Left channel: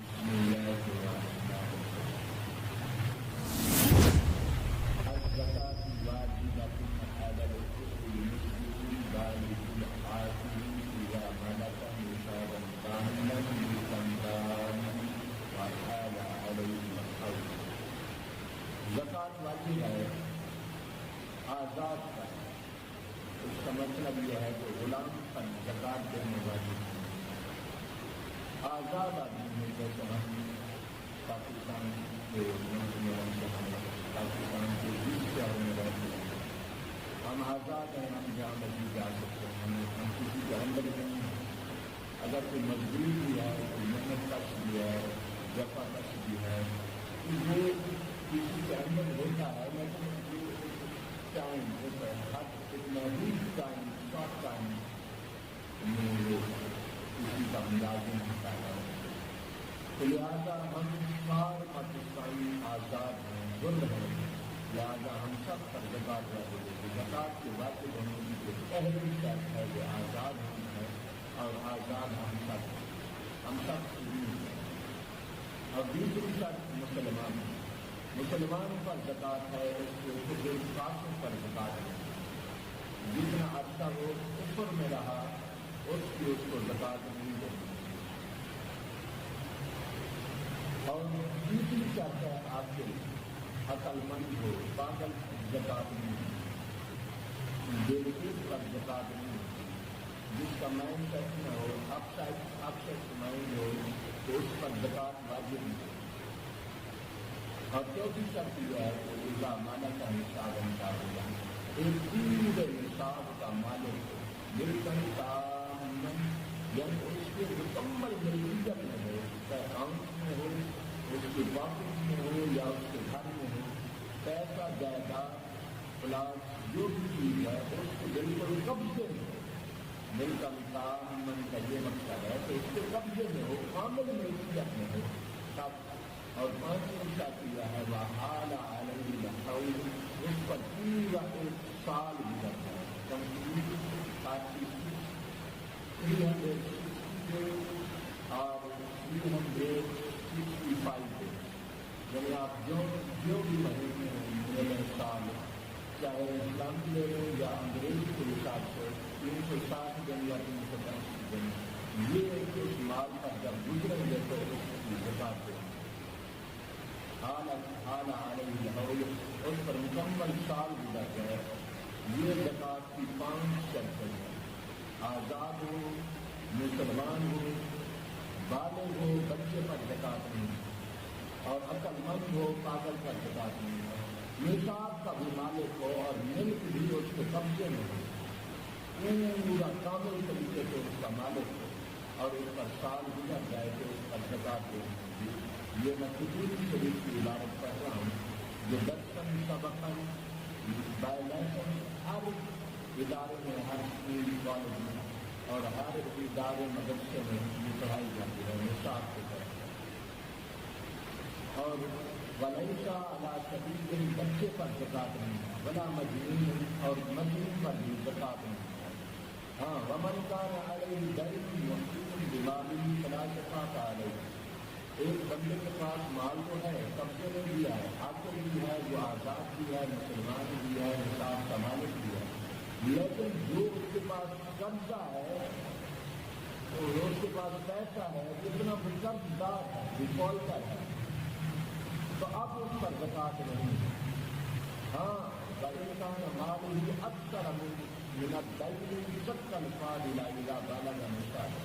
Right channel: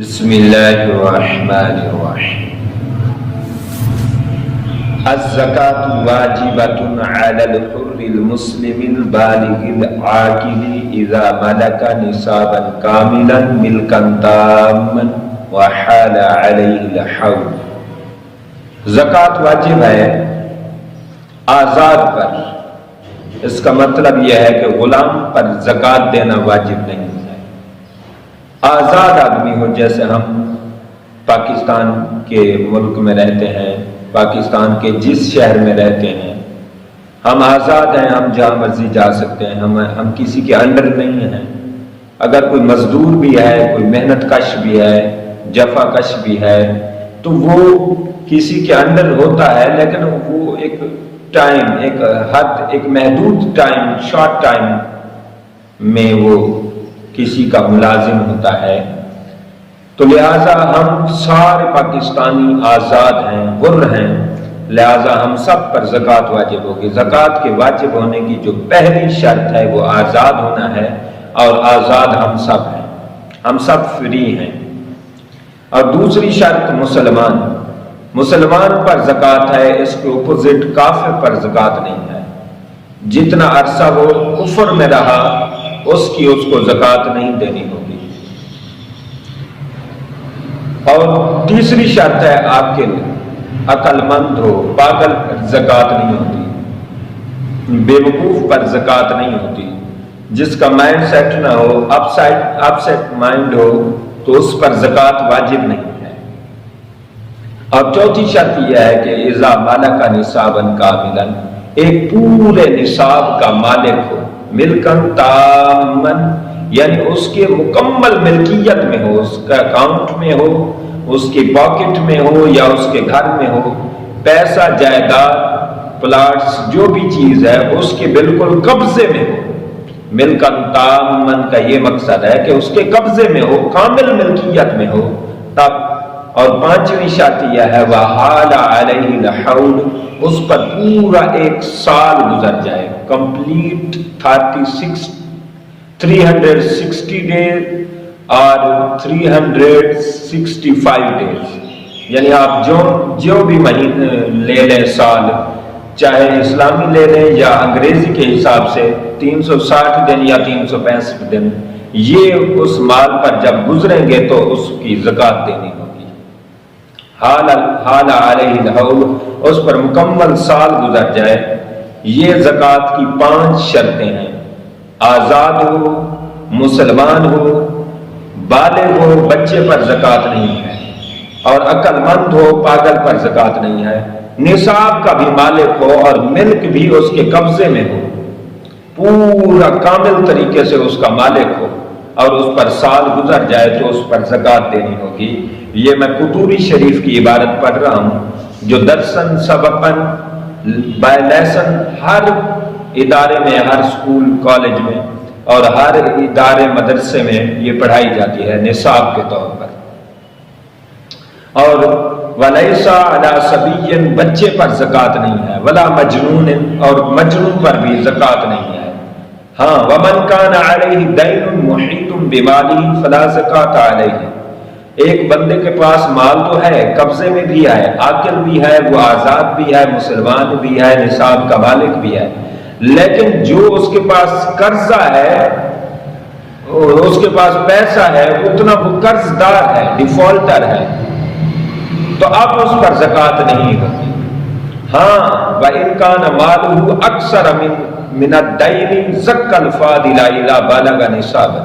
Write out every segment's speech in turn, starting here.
بسم اللہ الرحمن الرحیم الزکاة واجبۃ علی الحر المسلم البالغ العاقل اذا ملک نصابا کاملا ملکا تاما وحال علیہ الحول۔ زکوٰۃ واجب ہے آزاد پر۔ اس کا مطلب یہ ہے کہ غلام پر زکوٰۃ دینا واجب نہیں ہے۔ آزاد آدمی ہو، جیسے ہم پاکستان کے ملک میں رہتے ہیں، پاکستان کے جس شہر میں رہتے ہیں ہم آزاد ہیں، ہم جہاں مرضی جا سکتے ہیں، ہم کسی کے انڈر نہیں ہیں۔ اگر کوئی مزدور بھی ہے، کوئی محنت کش بھی ہے، جفا کش بھی ہے، تو وہ کسی کے انڈر ہوتا ہے، لیکن وہ ایک ٹائم، ایک حد، ایک محدود ٹائم، شارٹ ٹائم میں وہ کسی کا ملازم ہوتا ہے۔ تو لہٰذا ہم سارے پاکستانی آزاد ہیں، حر ہیں، لہٰذا ہم سب پر زکوٰۃ واجب ہوگی۔ زکوٰۃ کے واجب ہونے کی جو پہلی شرط ہے وہ آزاد ہونا ہے، اور آزاد ہم سب ہیں، ہم سب فری ہیں۔ اور دوسری شرط مسلمان پر زکوٰۃ ہے، اس کے اپوزٹ کافر پر زکوٰۃ نہیں ہے۔ جتنا عرصہ وہ کفر میں رہا اس کو زکوٰۃ نہیں دینی ہوگی۔ اور تیسری شرط ہے عاقل، عقل مند ہو، پاگل پر زکوٰۃ نہیں ہوتی، بے وقوف پر زکوٰۃ نہیں ہوتی۔ جس کا مائنڈ سیٹ نہ ہو، اپ سیٹ مائنڈ ہو، تو اس پر زکوٰۃ واجب نہیں ہے۔ اور چوتھی شرط یہ ہے کہ اذا ملک نصابا کاملا، ایک پورے نصاب کا مالک ہو، ملکن تامن، یعنی اس کے مکمل ملکیت میں ہو، اس کا اکاؤنٹ میں ہو، اس کی پاکٹ میں ہو، یا اس کے گھر میں ہو، پیسہ، جائیداد، پلاٹس، جو بھی چیز ہے اس کے بالکل قبضے میں ہو۔ ملکن تامن کا یہ مقصد ہے کہ اس کے قبضے میں ہو، کامل ملکیت میں ہو تب۔ اور پانچویں شرط یہ ہے وحال علیہ الحول، اس پر پورا ایک سال گزر جائے، کمپلیٹ 360 ڈیز اور 365 ڈیز، یعنی آپ جو بھی مہینے لے لیں سال، چاہے اسلامی لے لیں یا انگریزی کے حساب سے 360 دن یا 365 دن، یہ اس مال پر جب گزریں گے تو اس کی زکوٰۃ دینی ہوگی۔ حال علیہ الحول، اس پر مکمل سال گزر جائے۔ یہ زکوٰۃ کی 5 شرطیں ہیں۔ آزاد ہو، مسلمان ہو، بالغ ہو، بچے پر زکوٰۃ نہیں ہے، اور عقل مند ہو، پاگل پر زکوٰۃ نہیں ہے، نصاب کا بھی مالک ہو اور ملک بھی اس کے قبضے میں ہو، پورا کامل طریقے سے اس کا مالک ہو، اور اس پر سال گزر جائے تو اس پر زکوٰۃ دینی ہوگی۔ یہ میں قطوری شریف کی عبارت پڑھ رہا ہوں، جو درسن سبقن بائی لیسن ہر ادارے میں، ہر اسکول کالج میں اور ہر ادارے مدرسے میں یہ پڑھائی جاتی ہے نصاب کے طور پر۔ اور وَلَيْسَ عَلَى صَبِيٍّ، بچے پر زکوٰۃ نہیں ہے، وَلَا مَجْنُونٍ، اور مجنون پر بھی زکوٰۃ نہیں ہے۔ ہاں وَمَنْ كَانَ عَلَيْهِ دَيْنٌ مُحِيطٌ بِمَالِهِ فَلَا زَكَاةَ عَلَيْهِ، ایک بندے کے پاس مال تو ہے، قبضے میں بھی ہے، عاقل بھی ہے، وہ آزاد بھی ہے، مسلمان بھی ہے، نصاب کا مالک بھی ہے، لیکن جو اس کے پاس قرضہ ہے، اس کے پاس پیسہ ہے، اتنا وہ قرض دار ہے، ڈیفالٹر ہے، تو اب اس پر زکوٰۃ نہیں ہوتی۔ ہاں وَإِنْ كَانَ مَالُهُ أَكْثَرَ مِنَ الدَّيْنِ زَكَّ الْفَاضِلَ إِذَا بَلَغَ نِصَابًا،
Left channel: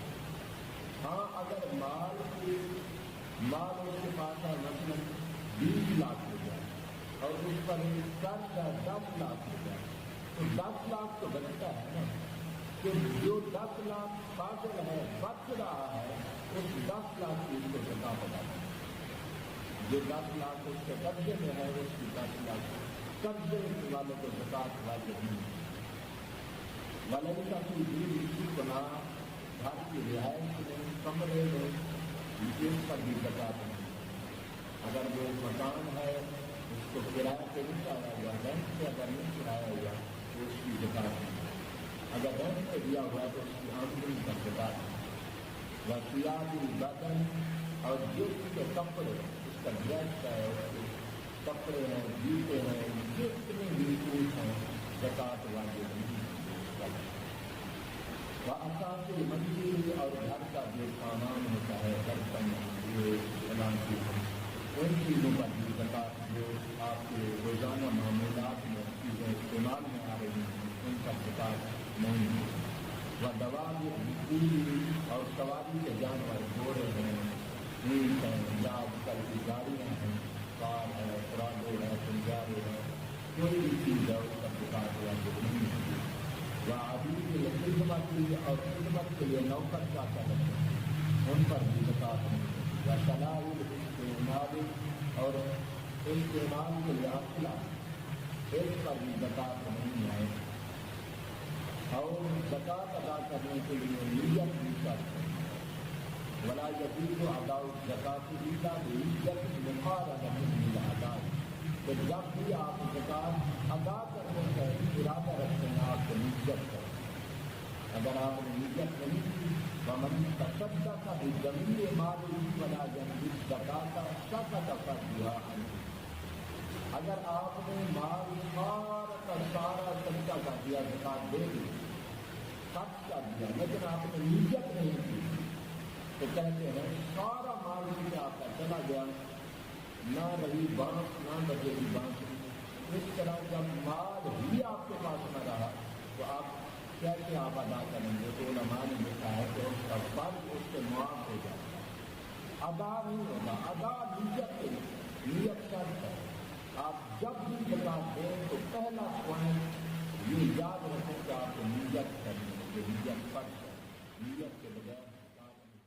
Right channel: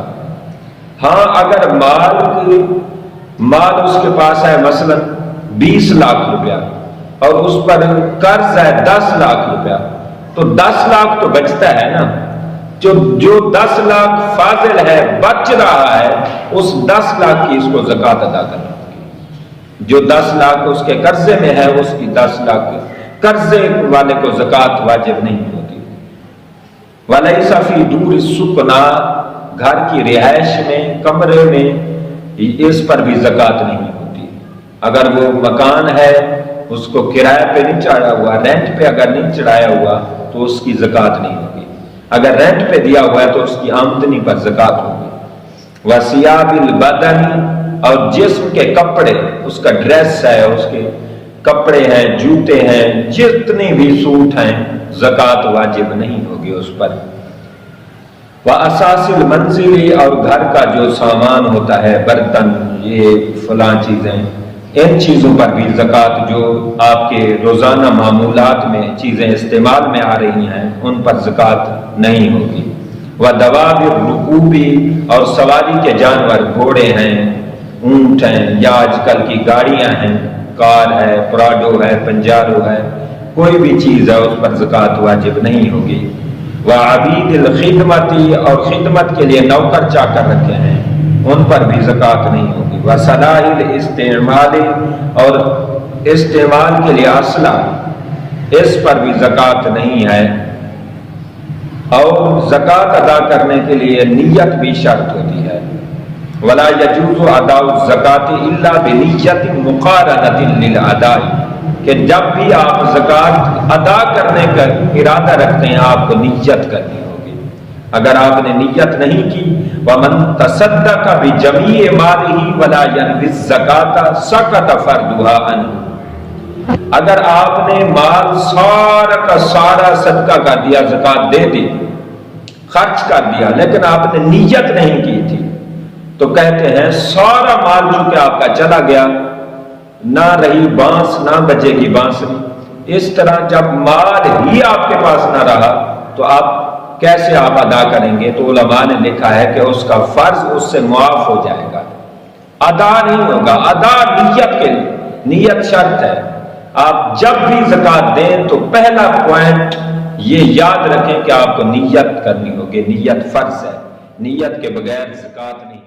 ہاں اگر مال اس کے پاس ہے مثلا 20 لاکھ روپیہ اور اس پر قرض ہے 10 لاکھ روپیہ، تو 10 لاکھ تو بچتا ہے نا، جو 10 لاکھ فاضل ہے، بچ رہا ہے، اس 10 لاکھ کی اس کو زکوٰۃ ادا کرنا ہوگی۔ جو 10 لاکھ اس کے قرضے میں ہے، اس کی 10 لاکھ قرضے والے کو زکوٰۃ واجب نہیں ہوتی۔ وَلَيْسَ فِي دُورِ السُّكْنَىٰ، گھر کی رہائش میں، کمرے میں، اس پر بھی زکوٰۃ نہیں ہوتی۔ اگر وہ مکان ہے، اس کو کرایہ پہ نہیں چڑھا ہوا، رینٹ پہ اگر نہیں چڑھایا ہوا تو اس کی زکوٰۃ نہیں ہوگی۔ اگر رینٹ پہ دیا ہوا ہے تو اس کی آمدنی پر زکوٰۃ ہوگی۔ وَثِيَابِ الْبَدَنِ، اور جسم کے کپڑے، اس کا ڈریس ہے، اس کے کپڑے ہیں، جوتے ہیں، جتنے بھی سوٹ ہیں، زکوٰۃ واجب نہیں ہوگی اس پر۔ وَأَسَاسِ الْمَنْزِلِ، اور گھر کا جو سامان ہوتا ہے، برتن، یہ فلاں چیزیں، ان چیزوں پر بھی زکوٰۃ، جو آپ کے روزانہ معمولات میں چیزیں استعمال میں آ رہی ہیں، ان پر زکوٰۃ نہیں ہوگی۔ وَدَوَابِ الرُّكُوبِ، اور سواری کے جانور، گھوڑے ہیں، اونٹ ہیں، یا آج کل کی گاڑیاں ہیں، کار ہے، پراڈو ہے، پنجارو ہے، کوئی بھی چیز ہے، اس پر زکوٰۃ واجب نہیں ہوگی۔ وَعَبِيدِ الْخِدْمَةِ، اور خدمت کے لیے نوکر چاکر رکھے ہیں، ان پر بھی زکوٰۃ نہیں ہوگی۔ وَصَلَاحِ الْاِسْتِعْمَالِ، اور استعمال کے لیے اسلحہ، اس پر بھی زکوٰۃ نہیں ہے۔ اور زکوٰۃ ادا کرنے کے لیے نیت بھی شرط ہوتی ہے۔ وَلَا يَجُوزُ أَدَاءُ الزَّكَاةِ إِلَّا بِنِيَّةٍ مُقَارَنَةٍ لِلْأَدَاءِ، کہ جب بھی آپ زکوٰۃ ادا کرنے کا ارادہ رکھتے ہیں، آپ کو نیت کرنی ہوگی۔ اگر آپ نے نیت نہیں کی، وَمَن تَصَدَّقَ بِجَمِيعِ مَالِهِ وَلَا يَنْوِي الزَّكَاةَ سَقَطَ فَرْضُهَا عَنْهُ، اگر آپ نے مال سارا کا سارا صدقہ کر دیا، زکوٰۃ دے دی، خرچ کر دیا، لیکن آپ نے نیت نہیں کی تھی، تو کہتے ہیں سارا مال چونکہ آپ کا چلا گیا، نہ رہی بانس، نہ بجے گی بانسری۔ اس طرح جب مال ہی آپ کے پاس نہ رہا تو آپ کیسے آپ ادا کریں گے؟ تو علماء نے لکھا ہے کہ اس کا فرض اس سے معاف ہو جائے گا، ادا نہیں ہوگا۔ ادا نیت کے لیے، نیت شرط ہے۔ آپ جب بھی زکوٰۃ دیں تو پہلا پوائنٹ یہ یاد رکھیں کہ آپ کو نیت کرنی ہوگی، نیت فرض ہے، نیت کے بغیر زکوٰۃ نہیں۔